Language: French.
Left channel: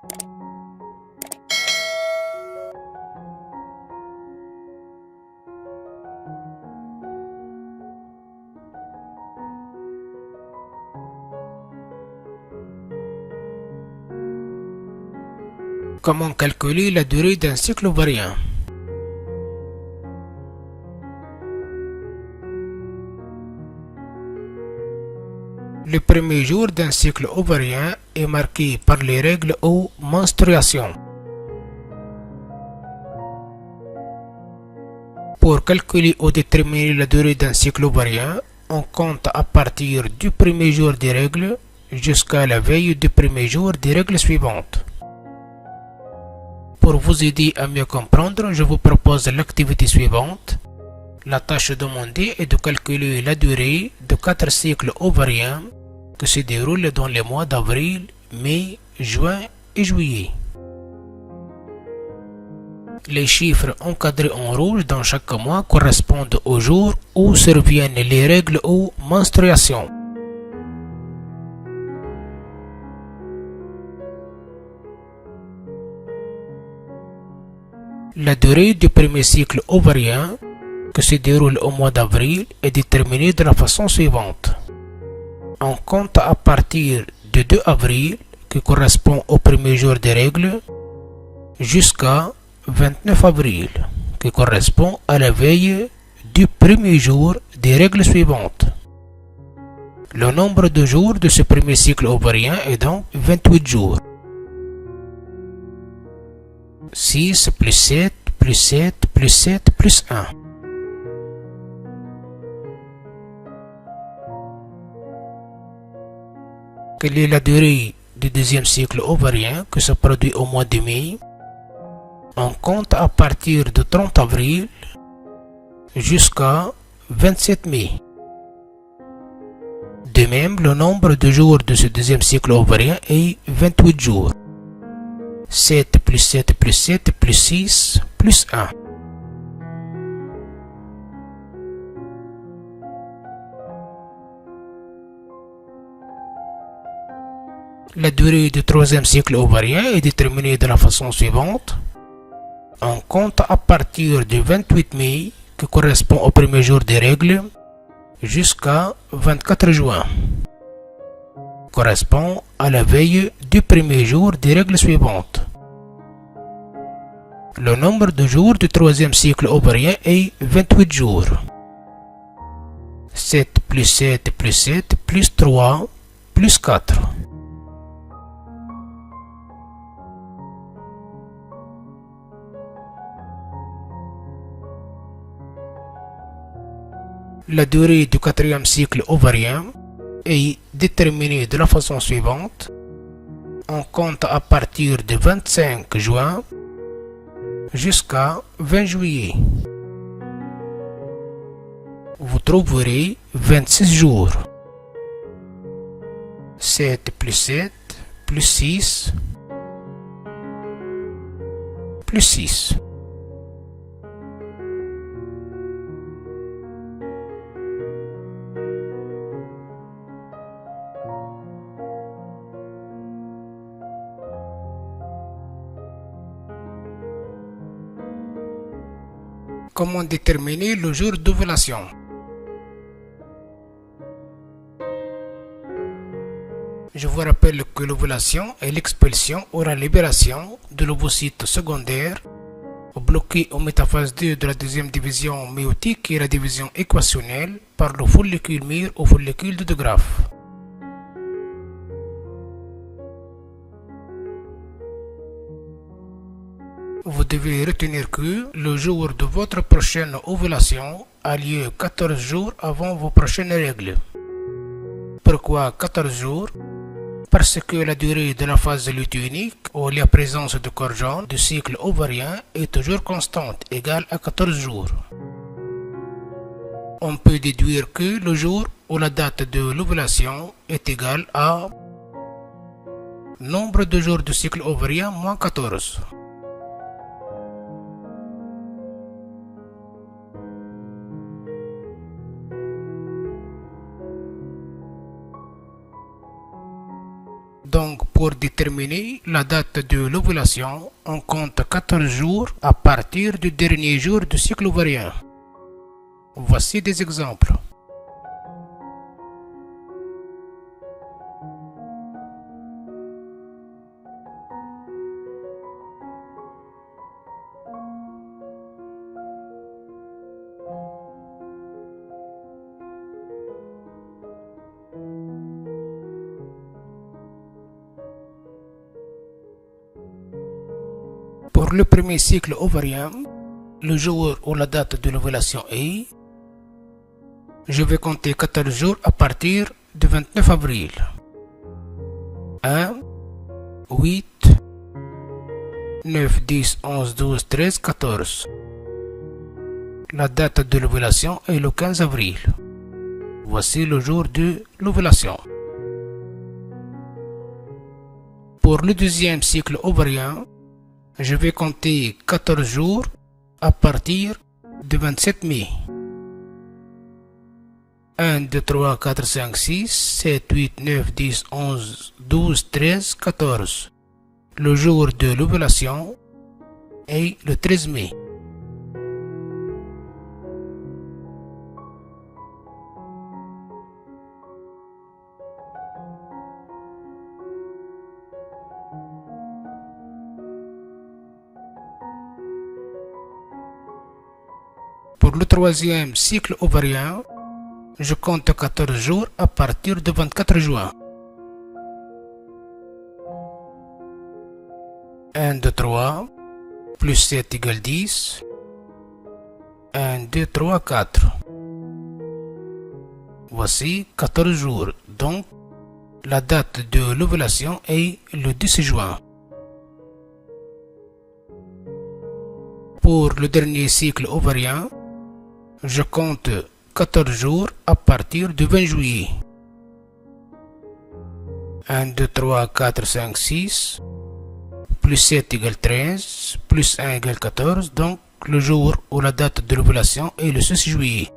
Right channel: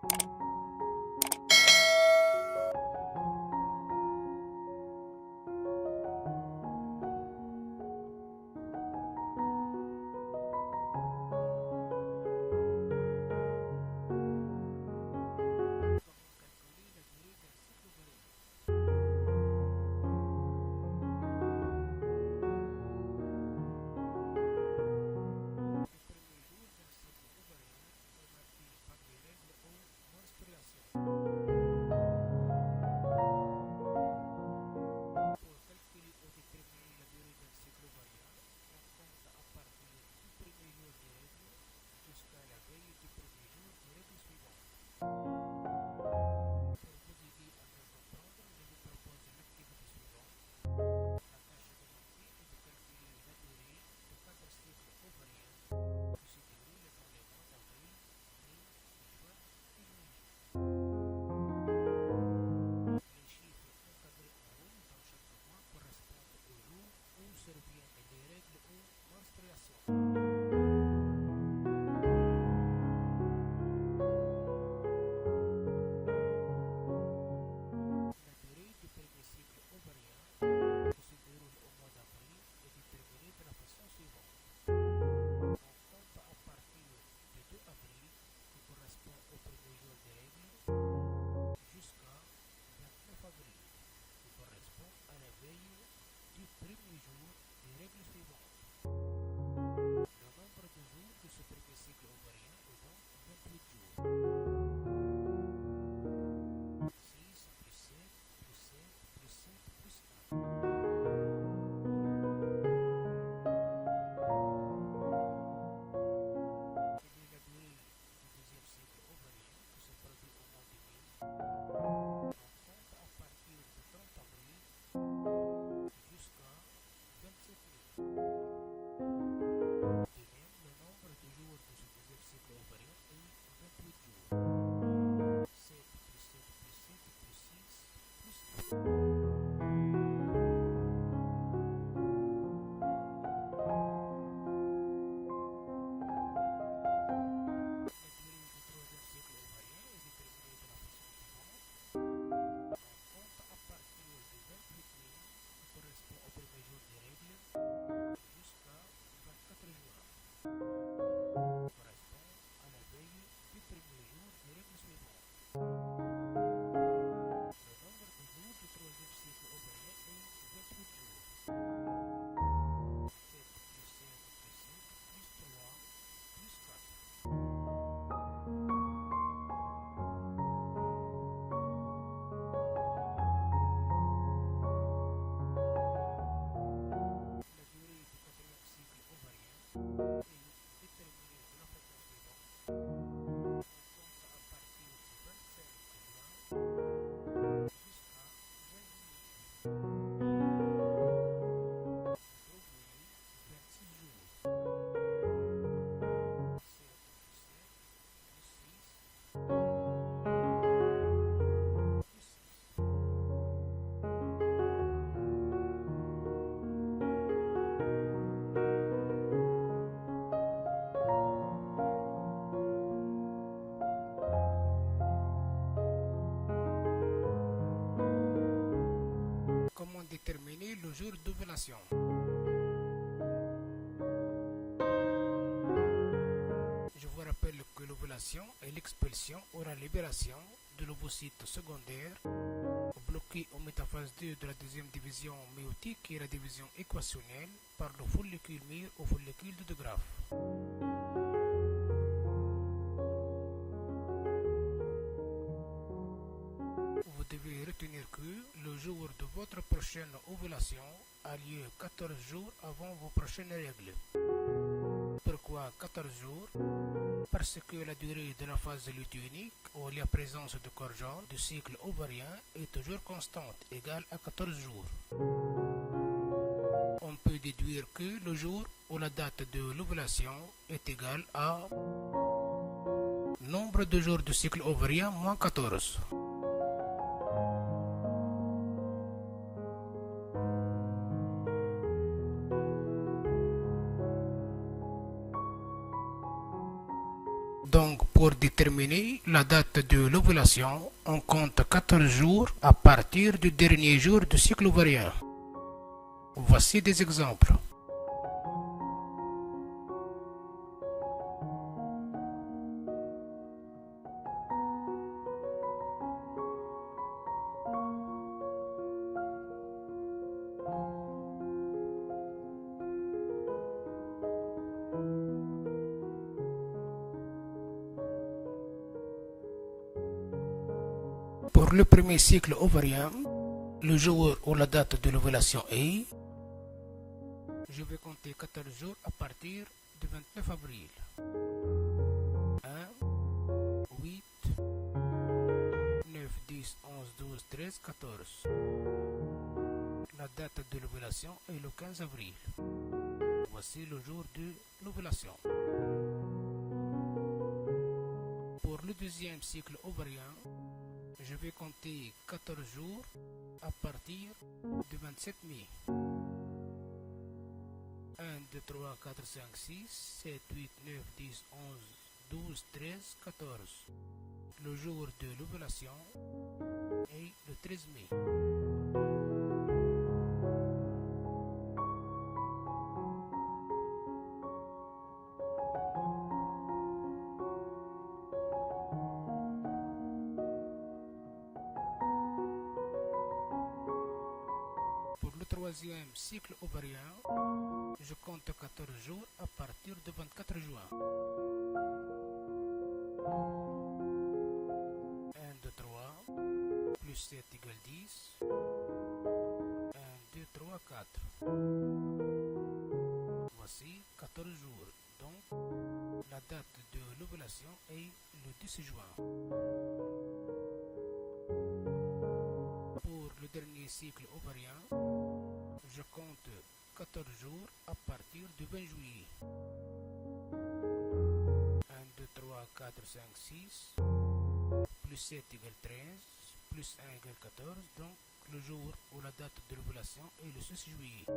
Comment calculer la durée d'un cycle ovarien? Le premier jour d'un cycle ovarien est marqué par les règles ou menstruations. Pour calculer ou déterminer la durée d'un cycle ovarien, on compte à partir du premier jour des règles jusqu'à la veille du premier jour des règles suivantes. Pour vous aider à mieux comprendre, je vous propose l'activité suivante. La tâche demandée est de calculer la durée de 4 cycles ovariens qui se déroulent dans les mois d'avril, mai, juin et juillet. Les chiffres encadrés en rouge dans chaque mois correspondent au jour où surviennent les règles ou menstruations. La durée du premier cycle ovarien, qui se déroule au mois d'avril, est déterminée de la façon suivante. On compte à partir du 2 avril, qui correspond au premier jour des règles, jusqu'à 29 avril, qui correspond à la veille du premier jour des règles suivantes. Le nombre de jours de ce premier cycle ovarien est donc 28 jours. 6 plus 7 plus 7 plus 7 plus 1. Quelle est la durée du deuxième cycle ovarien qui se produit au mois de mai? On compte à partir de 30 avril jusqu'à 27 mai. De même, le nombre de jours de ce deuxième cycle ovarien est 28 jours. 7 plus 7 plus 7 plus 6 plus 1. La durée du troisième cycle ovarien est déterminée de la façon suivante. On compte à partir du 28 mai, qui correspond au premier jour des règles, jusqu'à 24 juin, correspond à la veille du premier jour des règles suivantes. Le nombre de jours du troisième cycle ovarien est 28 jours. 7 plus 7 plus 7 plus 3 plus 4. La durée du quatrième cycle ovarien est déterminée de la façon suivante. On compte à partir du 25 juin jusqu'à 20 juillet. Vous trouverez 26 jours. 7 plus 7 plus 6 plus 6. Comment déterminer le jour d'ovulation? Je vous rappelle que l'ovulation est l'expulsion ou la libération de l'ovocyte secondaire bloqué au métaphase 2 de la deuxième division méiotique et la division équationnelle par le follicule mûr au follicule de De Graaf. Vous devez retenir que le jour de votre prochaine ovulation a lieu 14 jours avant vos prochaines règles. Pourquoi 14 jours? Parce que la durée de la phase lutéinique ou la présence de corps jaune du cycle ovarien est toujours constante, égale à 14 jours. On peut déduire que le jour ou la date de l'ovulation est égale à nombre de jours du cycle ovarien moins 14. Donc, pour déterminer la date de l'ovulation, on compte 14 jours à partir du dernier jour du cycle ovarien. Voici des exemples. Pour le premier cycle ovarien, le jour ou la date de l'ovulation est, je vais compter 14 jours à partir du 29 avril. 1, 8, 9, 10, 11, 12, 13, 14. La date de l'ovulation est le 15 avril. Voici le jour de l'ovulation. Pour le deuxième cycle ovarien, je vais compter 14 jours à partir du 27 mai. 1, 2, 3, 4, 5, 6, 7, 8, 9, 10, 11, 12, 13, 14. Le jour de l'ovulation est le 13 mai. Pour le troisième cycle ovarien, je compte 14 jours à partir du 24 juin. 1, 2, 3, plus 7 égale 10. 1, 2, 3, 4. Voici 14 jours, donc la date de l'ovulation est le 10 juin. Pour le dernier cycle ovarien, je compte 14 jours à partir du 20 juillet. 1, 2, 3, 4, 5, 6, plus 7 égale 13, plus 1 égale 14, donc le jour ou la date de l'ovulation est le 6 juillet.